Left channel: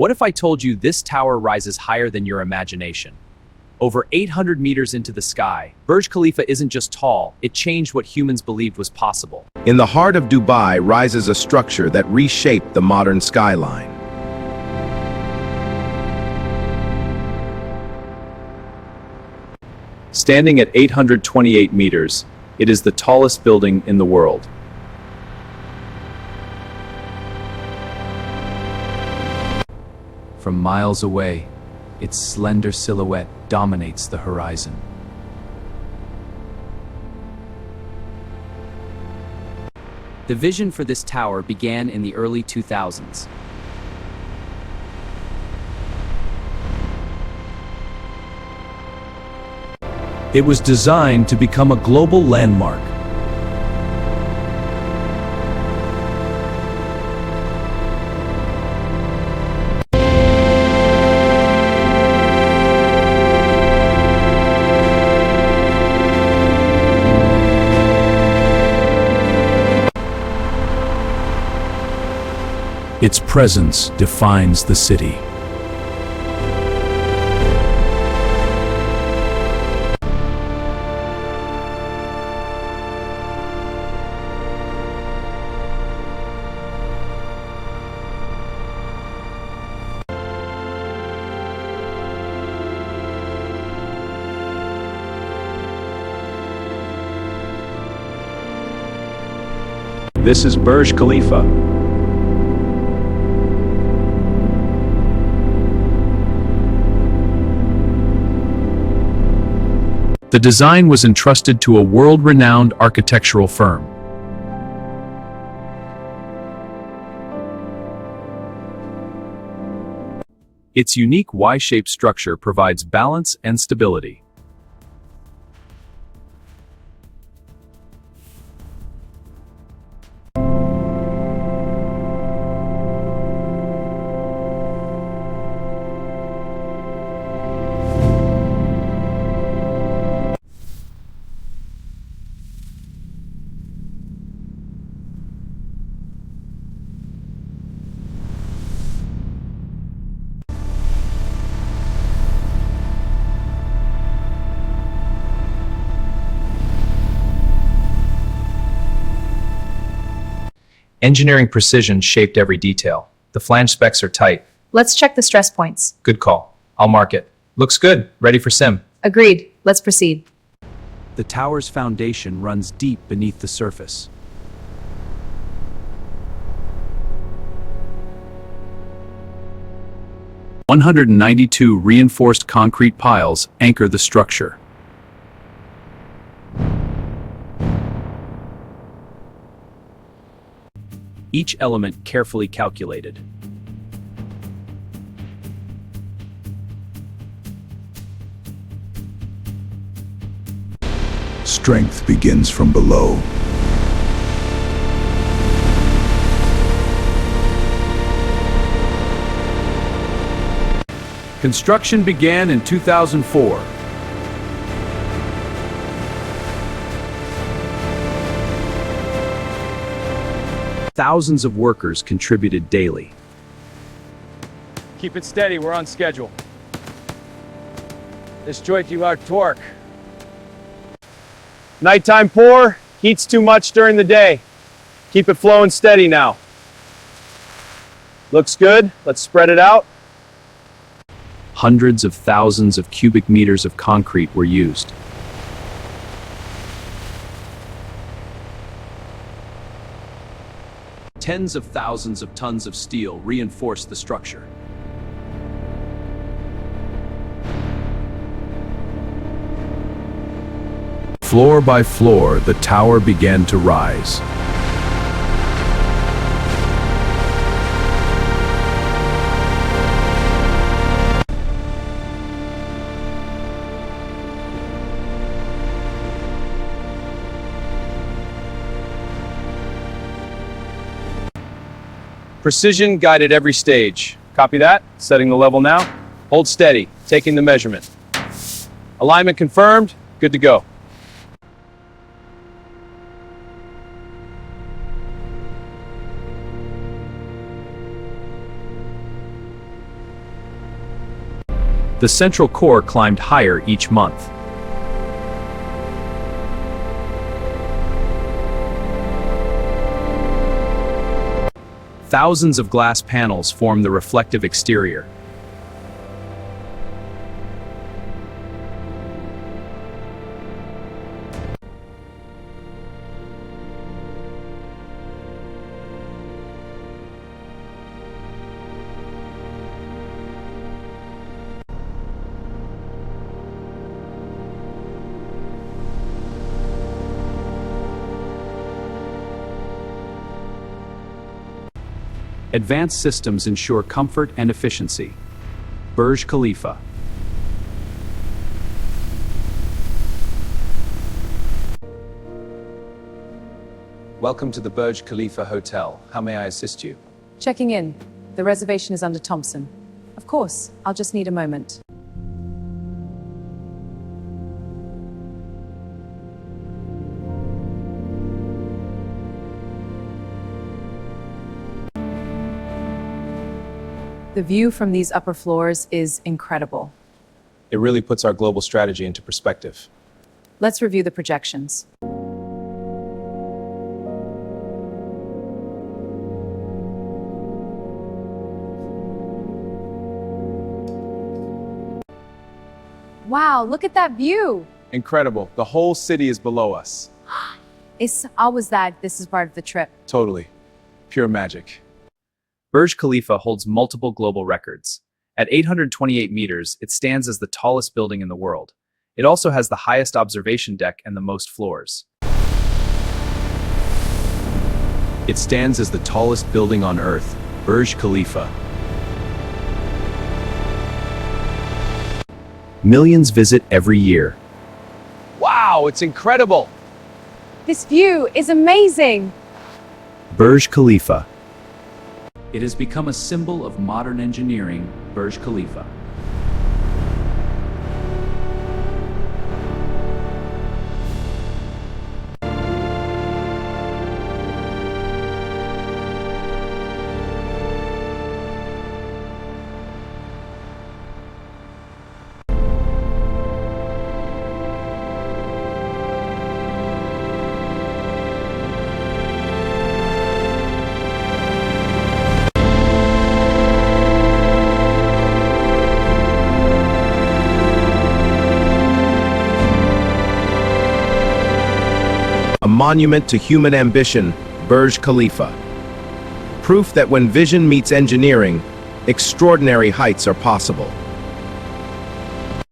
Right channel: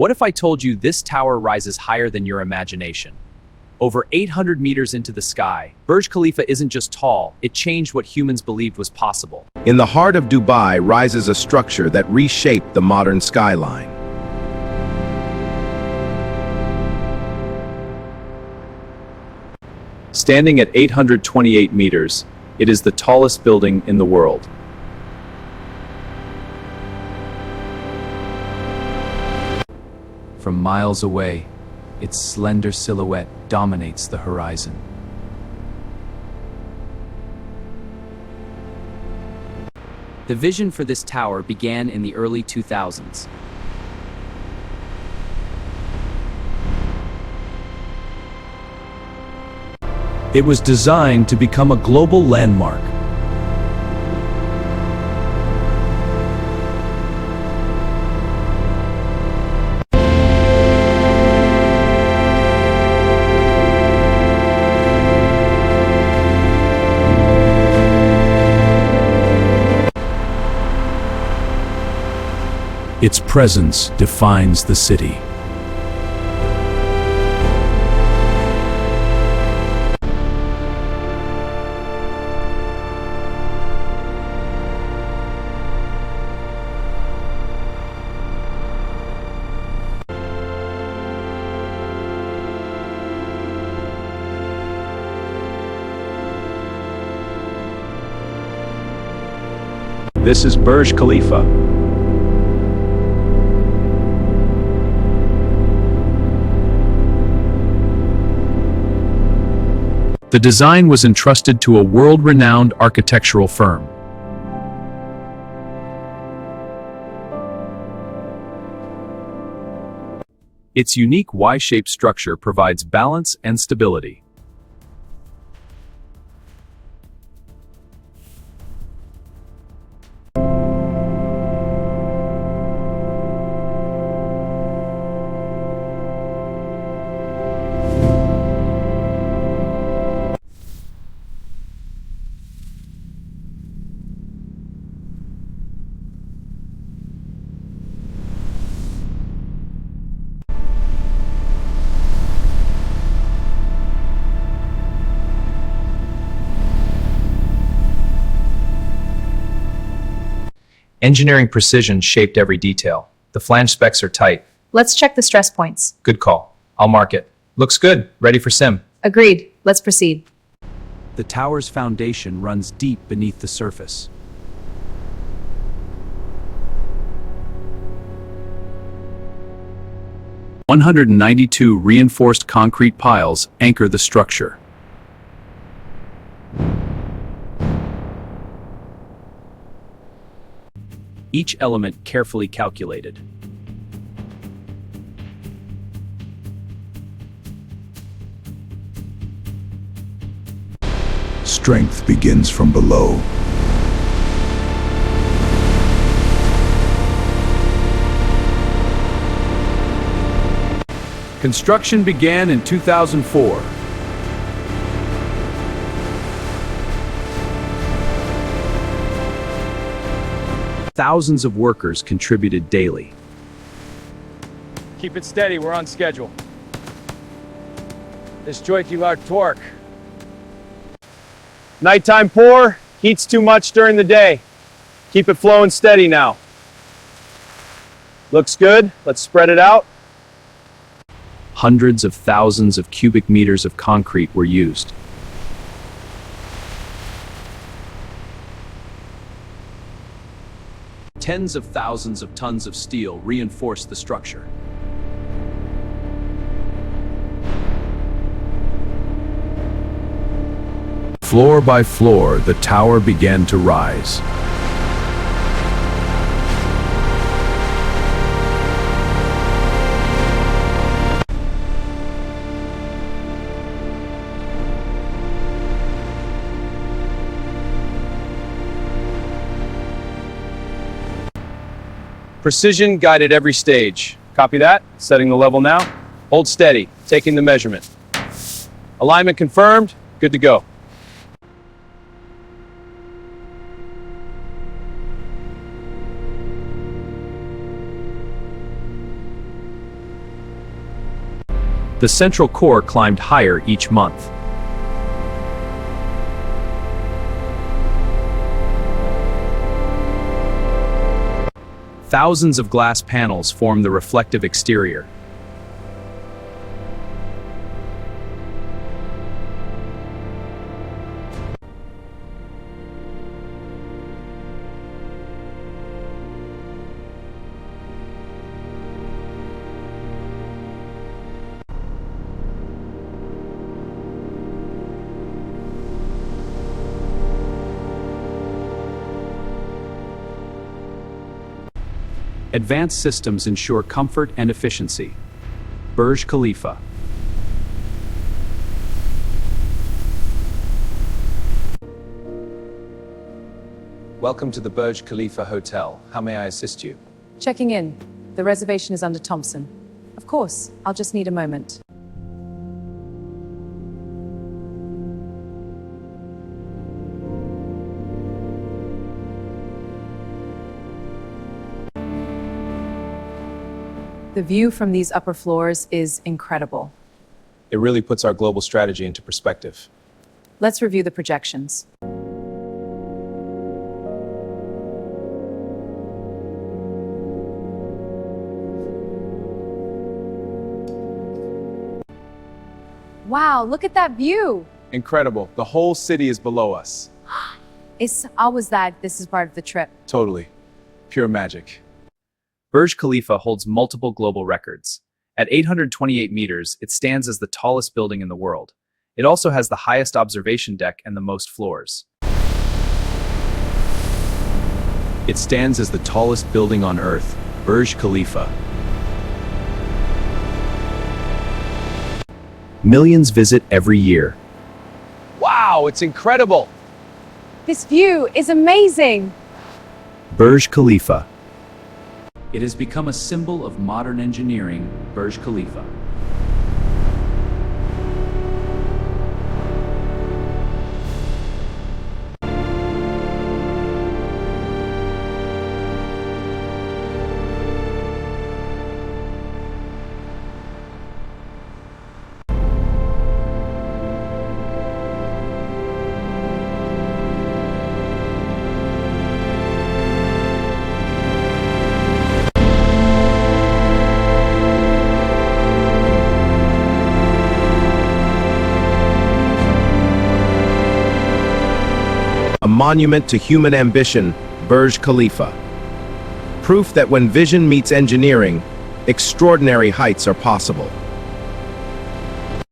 What if I told you this tower rises higher than your imagination? Over 800 meters into the sky, Burj Khalifa isn't just tall, it changed what humans believed was possible. In the heart of Dubai rises a structure that reshaped the modern skyline. Standing at 828 meters, it is the tallest building in the world. From miles away, its slender silhouette dominates the horizon. The vision for this tower began in the early 2000s. It was designed to become a global landmark. Its presence defines the city. This is Burj Khalifa. The design was entrusted to a world-renowned architectural firm. Its unique Y-shaped structure provides balance and stability. Engineering precision shaped every detail. The flange specs are tight. Let's check the stress points. Good call. I'll mark it. Looks good. Ready for sim. Agreed. Let's proceed. The tower's foundation runs deep beneath the surface. "192 reinforced concrete piles anchor the structure. Each element carefully calculated. Strength begins from below. Construction began in 2004. Thousands of workers contributed daily. Keep it steady, we're on schedule. This joint you out torque. Nighttime pour, heats too much during the day. Keep it flowing steady now. Looks good, let's spread it out. Hundreds of thousands of cubic meters of concrete were used. Tens of thousands of tons of steel reinforced the structure. Floor by floor, the tower began to rise. Precision guided every stage. Copy that, setting the level now. Hold steady, taking the measurement. Alignment confirmed, good to go. The central core climbed higher each month. Thousands of glass panels form the reflective exterior. Advanced systems ensure comfort and efficiency. Burj Khalifa. Welcome to the Burj Khalifa Hotel. How may I assist you? Checking in. The reservation is under Thompson. Of course, I'll just need a moment. The view from these upper floors is incredible. It really puts our global strategy into perspective. Let's review the projections. Wow, look at that view! Incredible. The whole city is below us. It's always that this is part of the trip. Totally. Pure magic. Burj Khalifa holds multiple global records. At 828 meters, it stands as the tallest building in the world. It also has the highest observation deck and the most floors. It stands as the tallest building on Earth, Burj Khalifa. Millions visit every year. Wow, it's incredible! This view is amazing! Burj Khalifa. It has become a symbol of modern engineering, Burj Khalifa. A monument to human ambition, Burj Khalifa. Proof that when vision meets engineering, extraordinary heights are possible.